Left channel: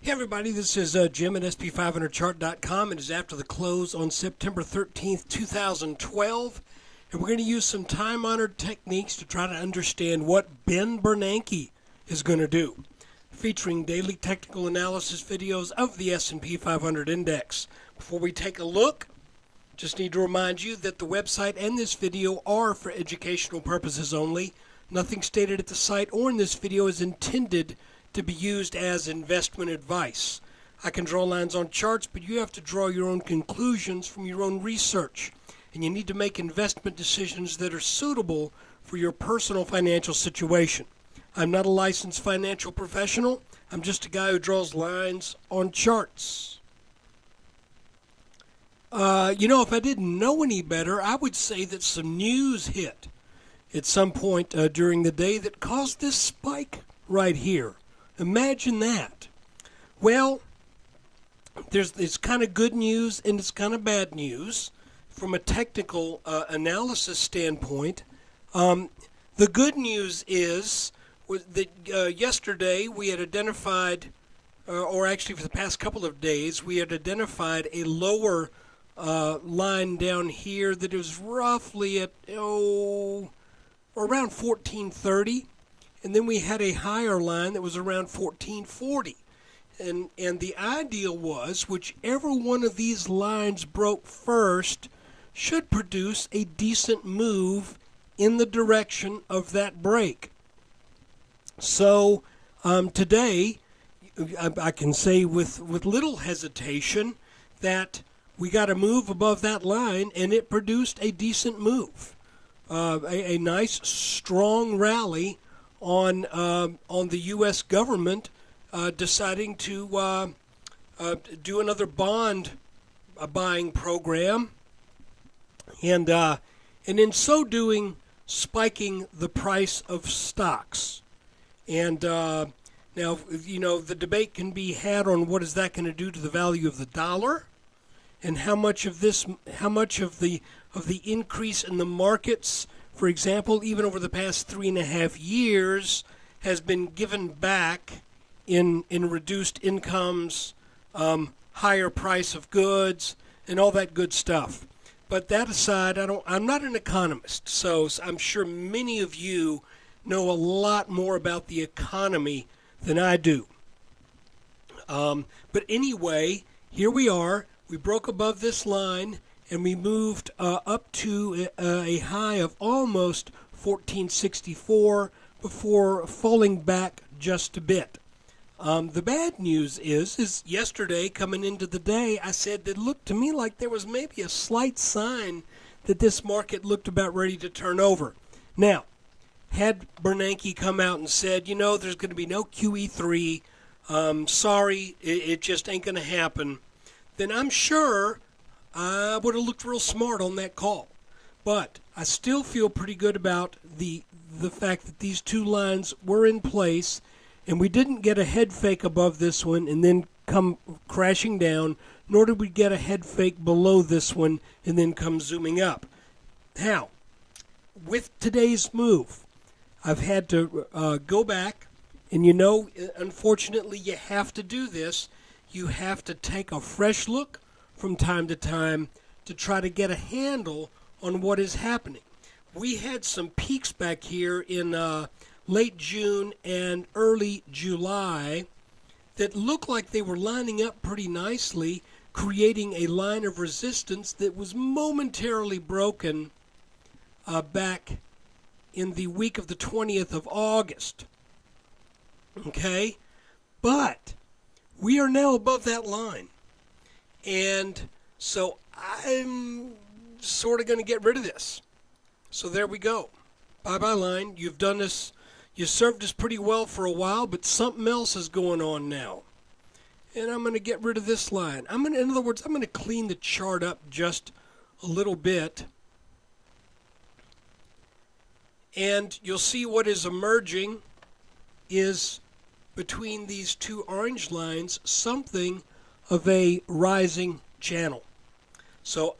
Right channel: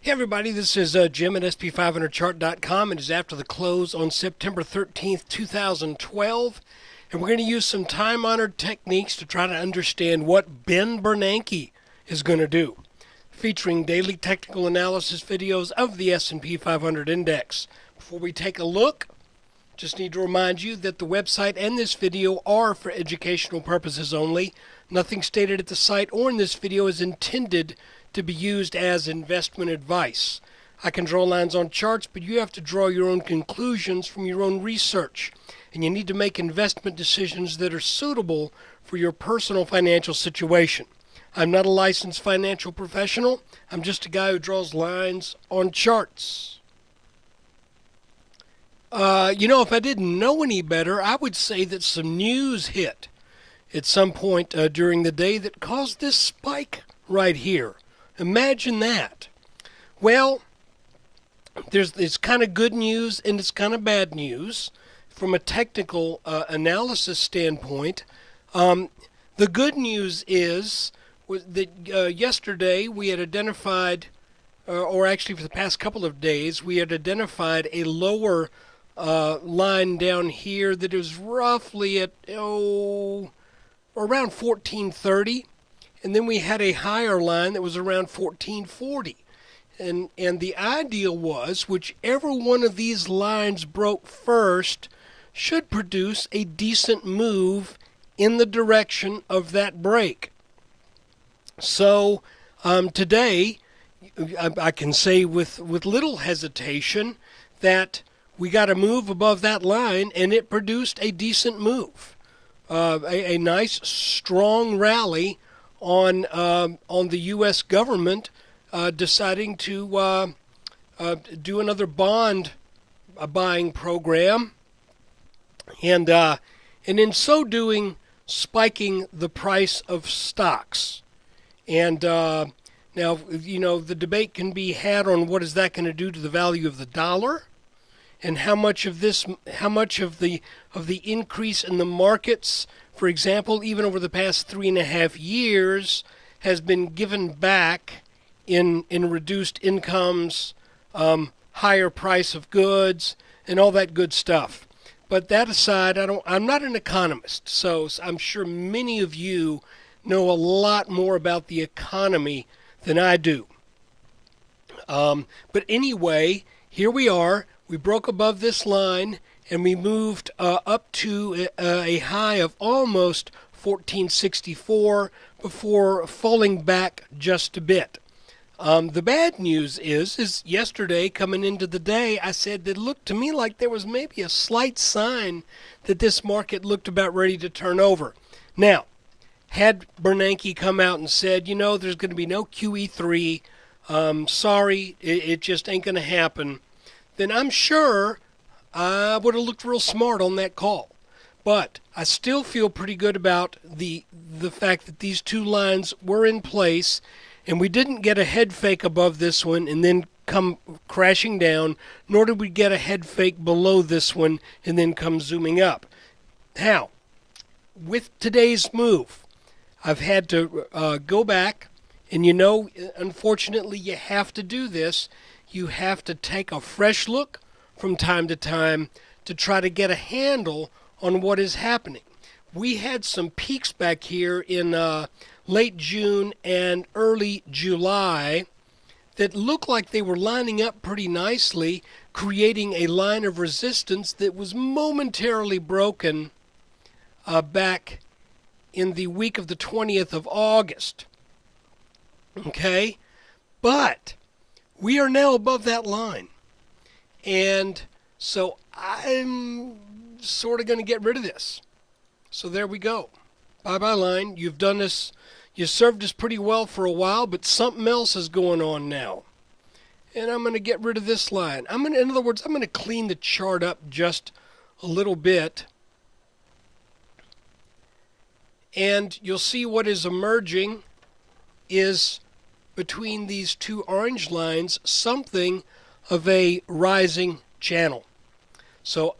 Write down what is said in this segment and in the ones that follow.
Hey everybody, this is Jim at SP500chart.com. It is after the close on September 13th, 2012, and we're going to use some time-honored techniques to try to understand what Ben Bernanke is going to do, featuring daily technical analysis videos of the S&P 500 index. Before we take a look, just need to remind you that the website and this video are for educational purposes only. Nothing stated at the site or in this video is intended to be used as investment advice. I can draw lines on charts, but you have to draw your own conclusions from your own research. And you need to make investment decisions that are suitable for your personal financial situation. I'm not a licensed financial professional. I'm just a guy who draws lines on charts. If I didn't know any better, I would say that some news hit at some point during the day that caused this spike right here. Imagine that. Well, it's kind of good news and it's kind of bad news from a technical analysis standpoint. The good news is that yesterday we had identified, or actually for the past couple of days, we had identified a lower line down here that is roughly at around 1430. And then we had a higher line that was around 1440. And the ideal was whichever one of these lines broke first should produce a decent move in the direction of that break. So today, I can say with little hesitation that we got a move above that line and it produced a decent move. A nice, strong rally on the U.S. government deciding to do another bond buying program, and in so doing, spiking the price of stocks. And now, the debate can be had on what is that going to do to the value of the dollar, and how much of the increase in the markets, for example, even over the past 3.5 years, has been given back in reduced incomes, higher price of goods, and all that good stuff. But that aside, I'm not an economist, so I'm sure many of you know a lot more about the economy than I do. But anyway, here we are. We broke above this line, and we moved up to a high of almost 1464 before falling back just a bit. The bad news is yesterday, coming into the day, I said that it looked to me like there was maybe a slight sign that this market looked about ready to turn over. Now, had Bernanke come out and said, there's going to be no QE3, sorry, it just ain't going to happen, then I'm sure I would have looked real smart on that call. But I still feel pretty good about the fact that these two lines were in place, and we didn't get a head fake above this one and then come crashing down, nor did we get a head fake below this one and then come zooming up. Now, with today's move, I've had to go back, and unfortunately you have to do this. You have to take a fresh look from time to time to try to get a handle on what is happening. We had some peaks back here in late June and early July that looked like they were lining up pretty nicely, creating a line of resistance that was momentarily broken back in the week of the 20th of August. Okay? But we are now above that line. And so I'm sort of going to get rid of this. So there we go. Bye-bye line. You've done this. You served us pretty well for a while, but something else is going on now. And I'm going to get rid of this line. In other words, I'm going to clean the chart up just a little bit. And you'll see what is emerging is between these two orange lines something of a rising channel. So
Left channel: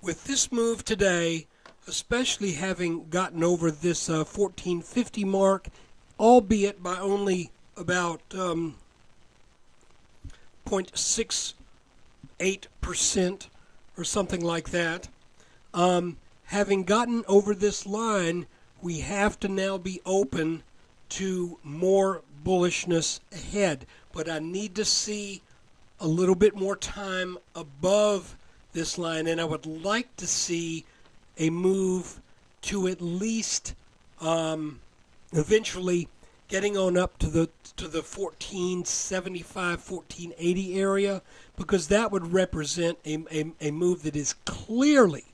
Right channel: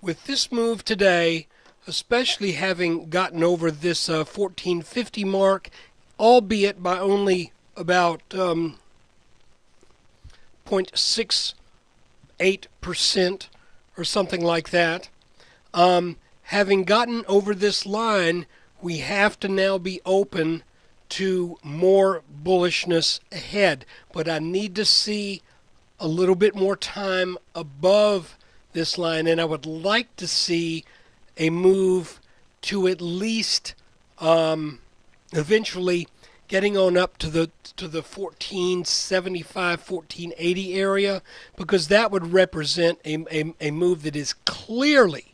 with this move today, especially having gotten over this 1450 mark, albeit by only about 0.68% or something like that. Having gotten over this line, we have to now be open to more bullishness ahead. But I need to see a little bit more time above this line, and I would like to see a move to at least eventually getting on up to the 1475, 1480 area, because that would represent a move that is clearly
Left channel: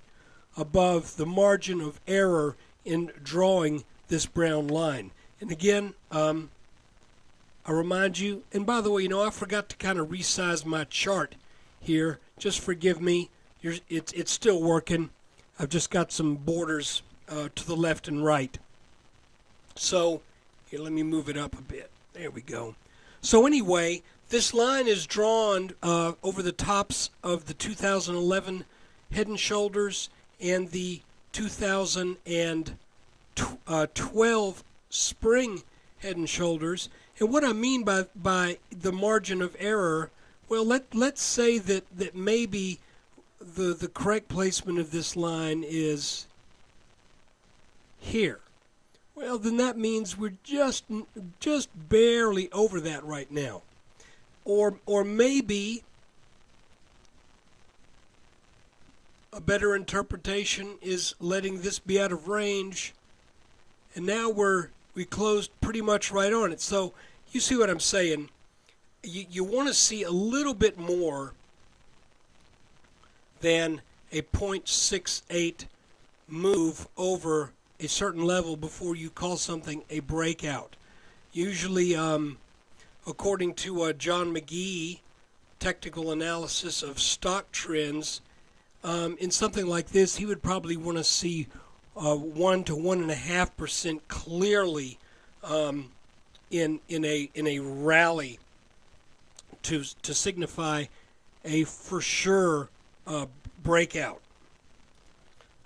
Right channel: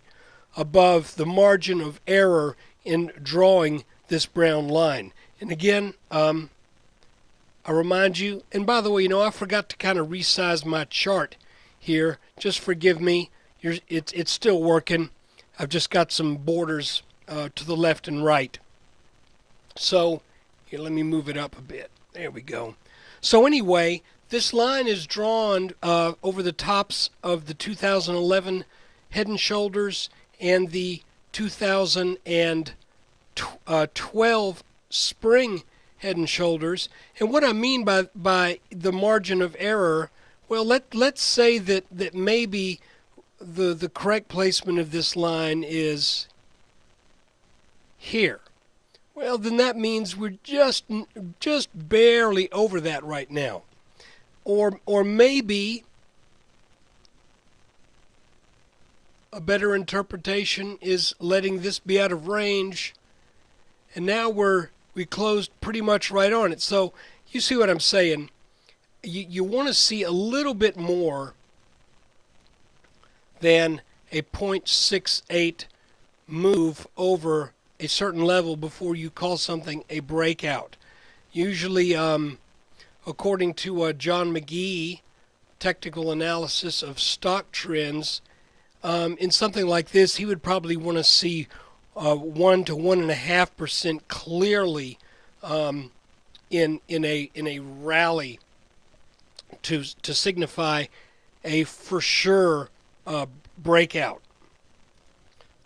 above the margin of error in drawing this brown line. And again, I remind you, and by the way, I forgot to kind of resize my chart here. Just forgive me. It's still working. I've just got some borders to the left and right. So here, let me move it up a bit. There we go. So anyway, this line is drawn over the tops of the 2011 Head and Shoulders and the 2012 Spring Head and Shoulders. And what I mean by the margin of error, well, let's say that maybe the correct placement of this line is here. Well, then that means we're just barely over that right now. Or maybe a better interpretation is letting this be out of range, and now we closed pretty much right on it. So you see what I'm saying? You want to see a little bit more than a 0.68 move over a certain level before you call something a breakout. Usually, according to John McGee, technical analysis of stock trends, in something like this, he would probably want to see 1 to 1.5% clearly in a rally to signify a for sure breakout.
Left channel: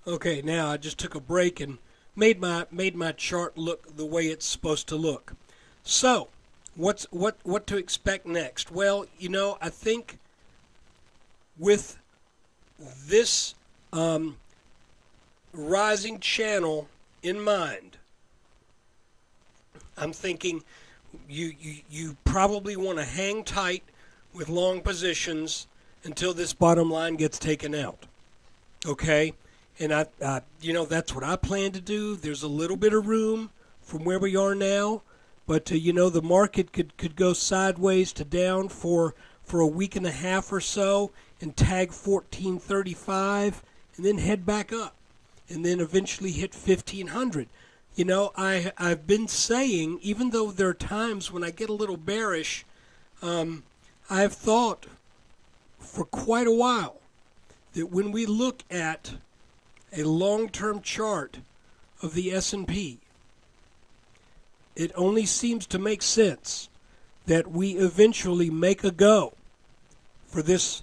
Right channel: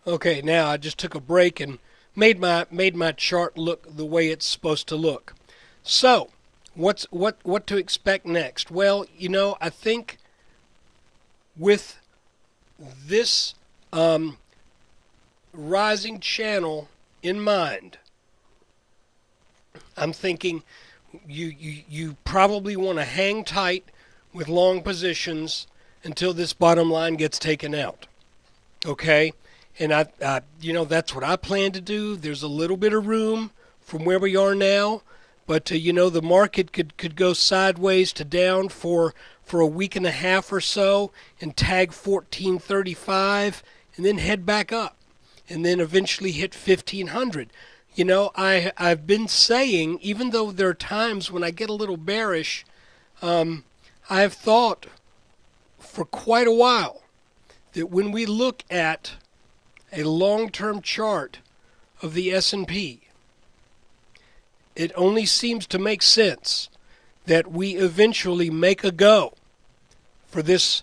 Okay, now I just took a break and made my chart look the way it's supposed to look. So, what to expect next? Well, I think with this rising channel in mind, I'm thinking you probably want to hang tight with long positions until this bottom line gets taken out. Okay? And I that's what I plan to do. There's a little bit of room from where we are now, but the market could go sideways to down for a week and a half or so and tag 1435 and then head back up and then eventually hit 1500. I've been saying, even though there are times when I get a little bearish, I have thought for quite a while that when we look at a long-term chart of the S&P, it only seems to make sense that we eventually make a go for this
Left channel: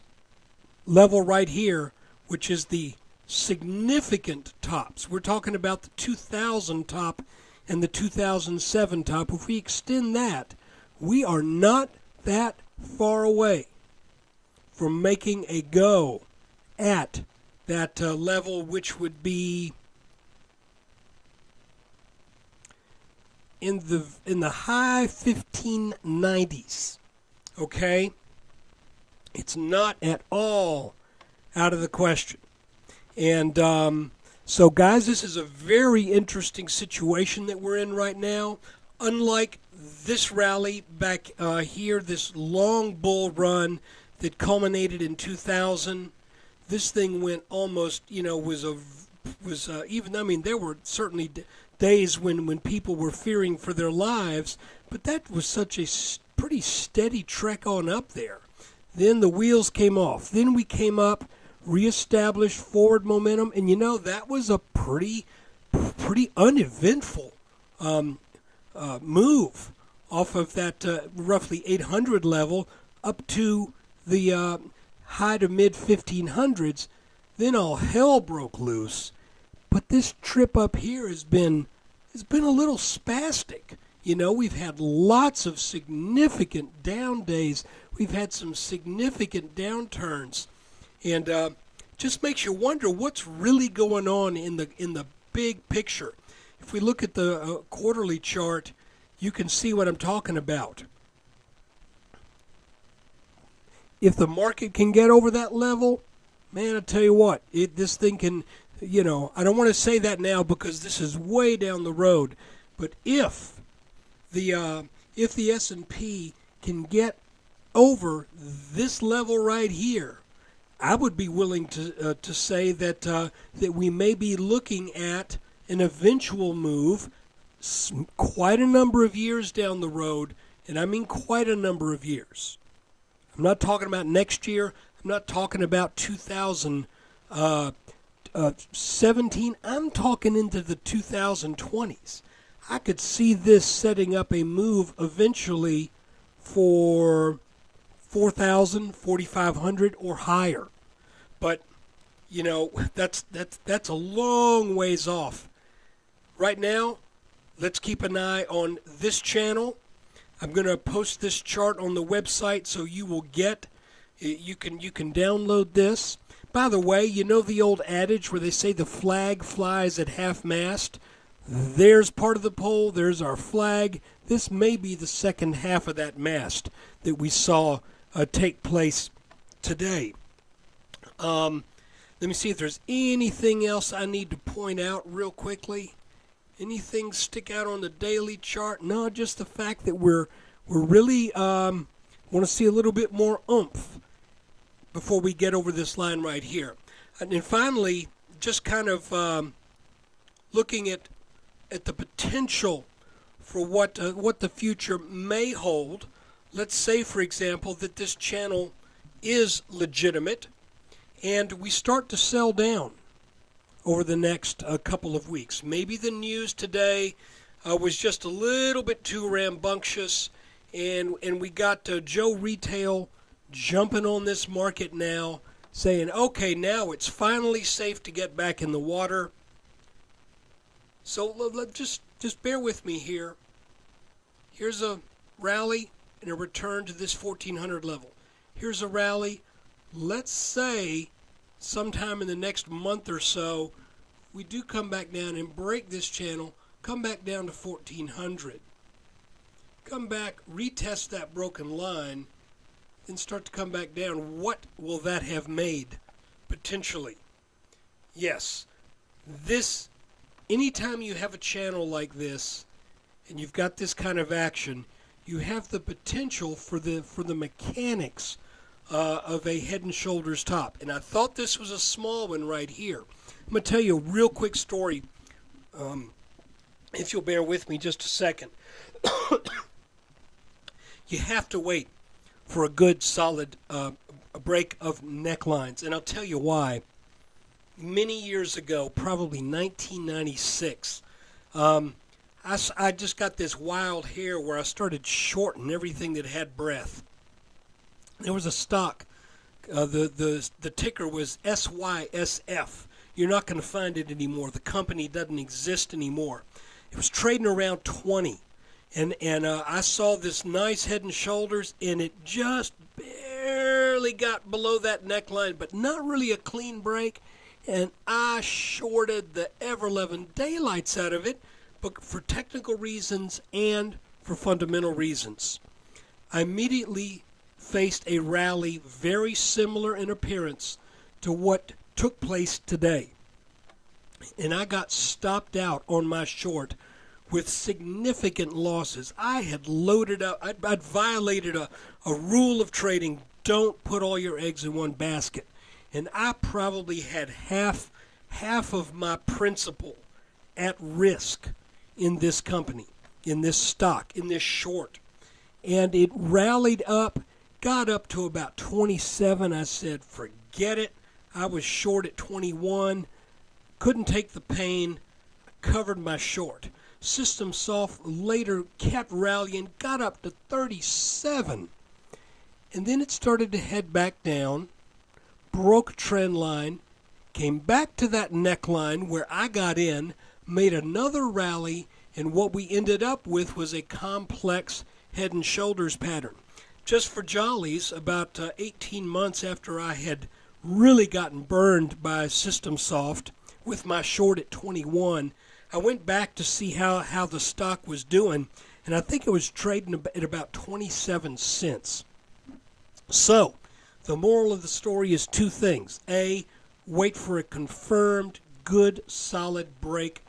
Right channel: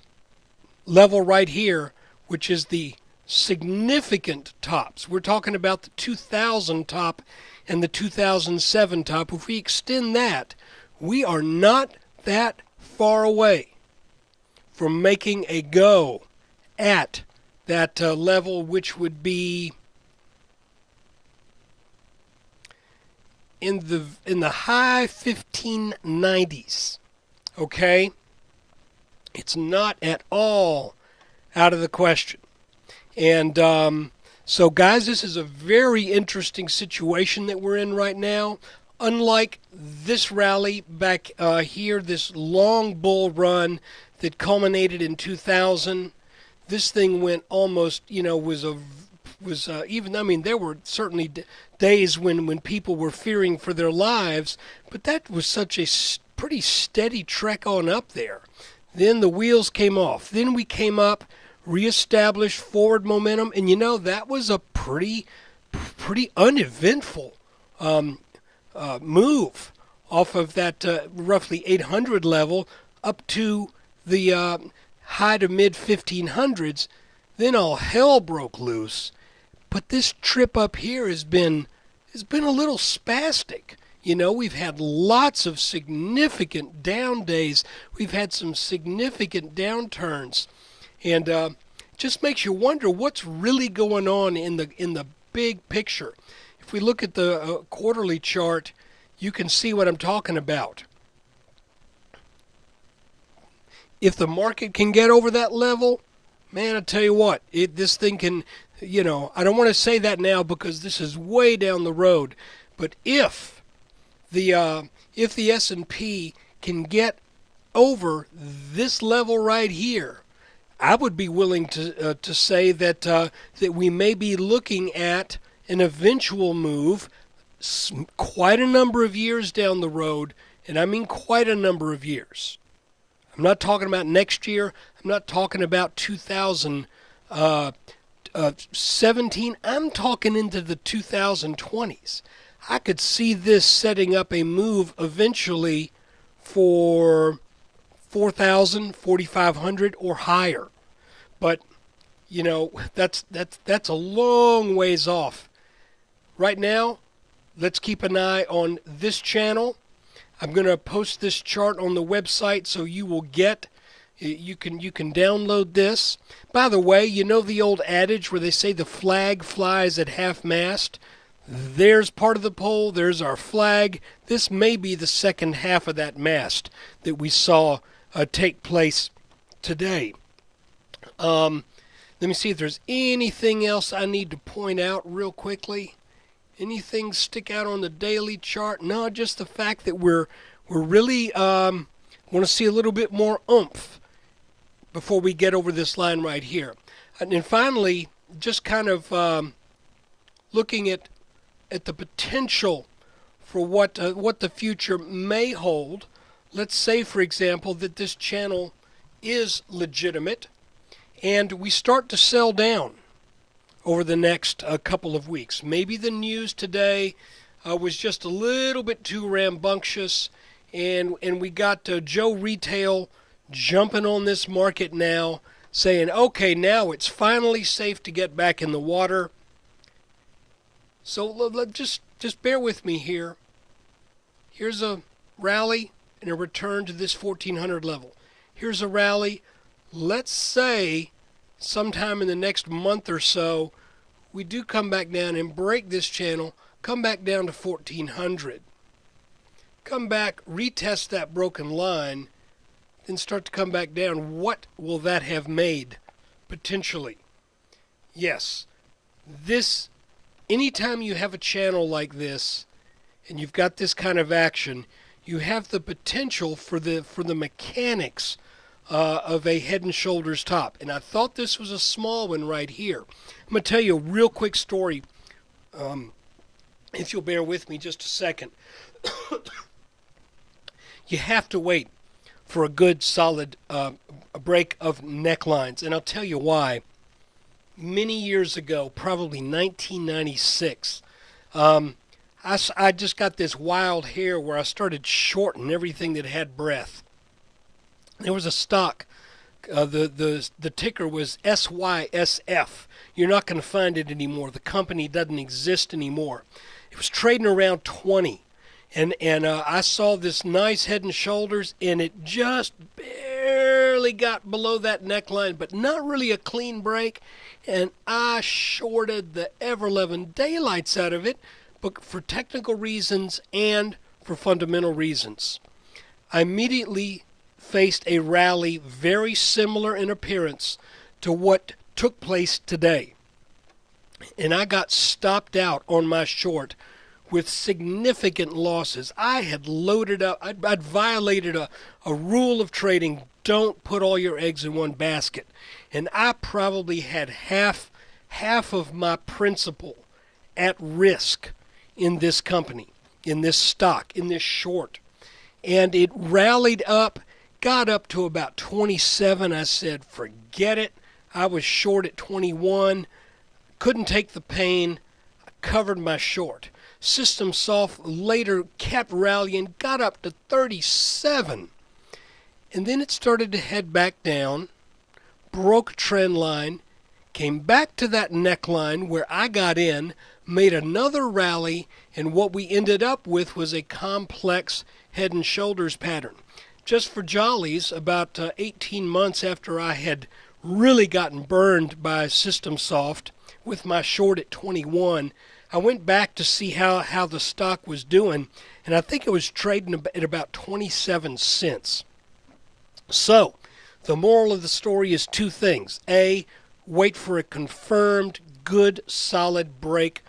level right here, which is the significant tops. We're talking about the 2000 top and the 2007 top. If we extend that, we are not that far away from making a go at that level, which would be in the high 1590s. Okay, it's not at all out of the question. And so, guys, this is a very interesting situation that we're in right now. Unlike this rally back here, this long bull run that culminated in 2000. This thing went almost, was even, I mean, there were certainly days when people were fearing for their lives, but that was such a pretty steady trek on up there. Then the wheels came off. Then we came up, reestablished forward momentum, and that was a pretty uneventful move off of that roughly 800 level up to the high to mid 1500s. Then all hell broke loose. But this trip up here has been a little spastic. You know, we've had lots of significant down days. We've had some significant downturns. And just makes you wonder what's really going on in the big picture. If we look at the quarterly chart, you can see what I'm talking about. If the market can get over that level, man, I tell you what, this thing can, you know, I don't want to say that now because this is way down the road, but if the S&P can get over this level right here, I would be willing to say that that we may be looking at an eventual move quite a number of years down the road, and I mean quite a number of years. I'm not talking about next year. I'm not talking about 2017. I'm talking into the 2020s. I could see this setting up a move eventually for 4,000, 4,500 or higher. But, you know, that's a long ways off. Right now, let's keep an eye on this channel. I'm going to post this chart on the website so you will get, you can download this. By the way, you know the old adage where they say the flag flies at half-mast? There's part of the pole, there's our flag. This may be the second half of that mast that we saw take place today. Let me see if there's anything else I need to point out real quickly. Anything stick out on the daily chart? No, just the fact that we're really want to see a little bit more oomph before we get over this line right here. And then finally, just kind of looking at the potential for what the future may hold. Let's say, for example, that this channel is legitimate, and we start to sell down over the next couple of weeks. Maybe the news today was just a little bit too rambunctious, and we got Joe Retail jumping on this market now, saying, okay, now it's finally safe to get back in the water. So just bear with me here. Here's a rally and a return to this 1400 level. Here's a rally. Let's say sometime in the next month or so, we do come back down and break this channel, come back down to 1400. Come back, retest that broken line, then start to come back down. What will that have made, potentially? Yes, this, anytime you have a channel like this, and you've got this kind of action, you have the potential for the mechanics of a head and shoulders top. And I thought this was a small one right here. I'm going to tell you a real quick story, if you'll bear with me just a second. You have to wait for a good, solid break of necklines, and I'll tell you why. Many years ago, probably 1996, I just got this wild hair where I started shorting everything that had breath. There was a stock. The ticker was SYSF. You're not going to find it anymore. The company doesn't exist anymore. It was trading around 20. And I saw this nice head and shoulders, and it just barely got below that neckline, but not really a clean break. And I shorted the ever-loving daylights out of it, but for technical reasons and for fundamental reasons. I immediately faced a rally very similar in appearance to what took place today. And I got stopped out on my short with significant losses. I had loaded up, I'd violated a rule of trading, don't put all your eggs in one basket. And I probably had half of my principal at risk in this company, in this stock, in this short. And it rallied up, got up to about 27. I said, forget it. I was short at 21. Couldn't take the pain. I covered my short. System Soft later kept rallying, got up to 37. And then it started to head back down, broke a trend line, came back to that neckline where I got in, made another rally, And what we ended up with was a complex head and shoulders pattern. Just for jollies, about 18 months after I had really gotten burned by System Soft with my short at 21, I went back to see how the stock was doing, and I think it was trading at about 27 cents. So, the moral of the story is two things. A, wait for a confirmed, good, solid break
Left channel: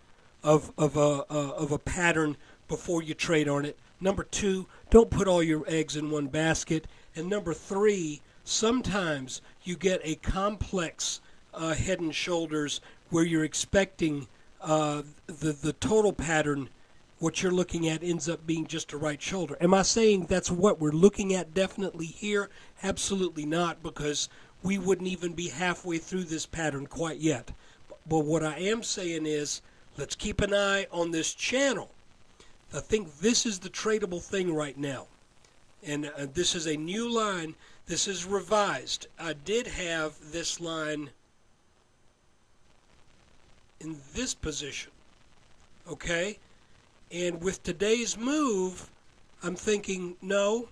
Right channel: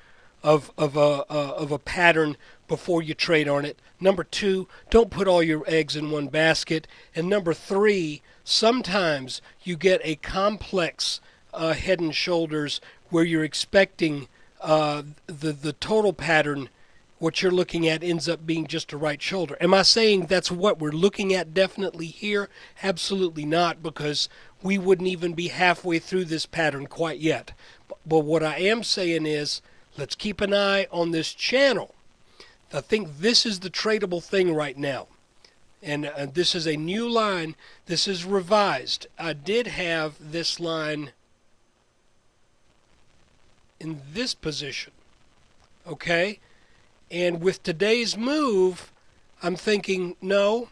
of a pattern before you trade on it. Number two, don't put all your eggs in one basket. And number three, sometimes you get a complex head and shoulders where you're expecting the total pattern. What you're looking at ends up being just a right shoulder. Am I saying that's what we're looking at definitely here? Absolutely not, because we wouldn't even be halfway through this pattern quite yet. But what I am saying is, let's keep an eye on this channel. I think this is the tradable thing right now. And this is a new line. This is revised. I did have this line in this position. Okay? And with today's move, I'm thinking, no,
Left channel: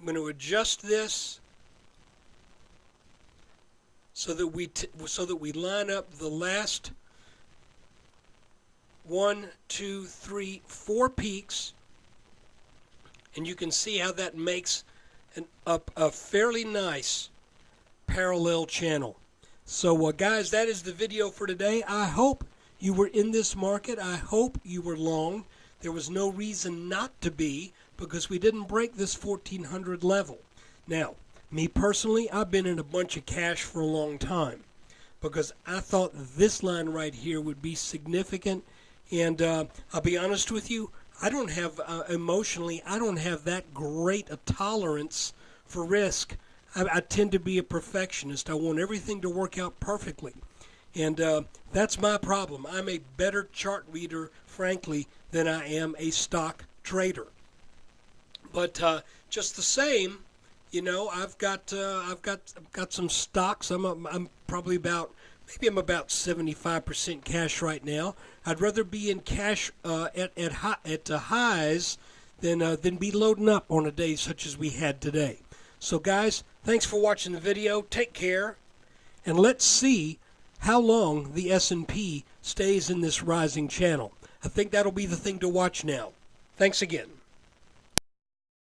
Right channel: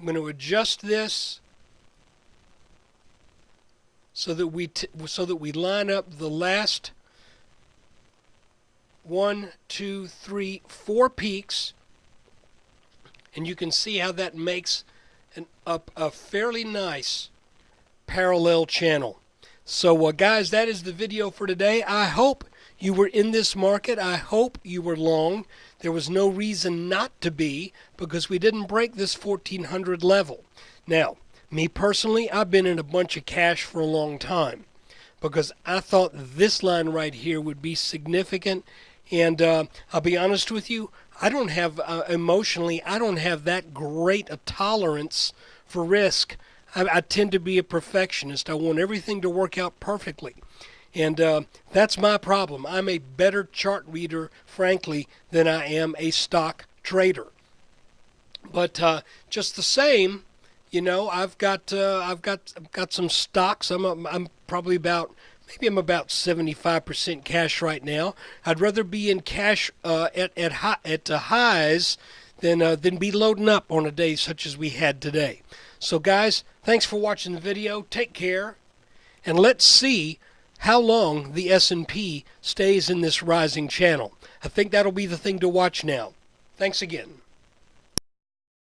I'm going to adjust this so that we line up the last 1, 2, 3, 4 peaks, and you can see how that makes a fairly nice parallel channel. So guys, that is the video for today. I hope you were in this market. I hope you were long. There was no reason not to be, because we didn't break this 1400 level. Now, me personally, I've been in a bunch of cash for a long time because I thought this line right here would be significant. And I'll be honest with you, I don't have, emotionally, I don't have that great a tolerance for risk. I tend to be a perfectionist. I want everything to work out perfectly. And that's my problem. I'm a better chart reader, frankly, than I am a stock trader. But just the same, you know, I've got some stocks. I'm probably about, maybe I'm about 75% cash right now. I'd rather be in cash at highs than be loading up on a day such as we had today. So guys, thanks for watching the video. Take care, and let's see how long the S&P stays in this rising channel. I think that'll be the thing to watch now. Thanks again.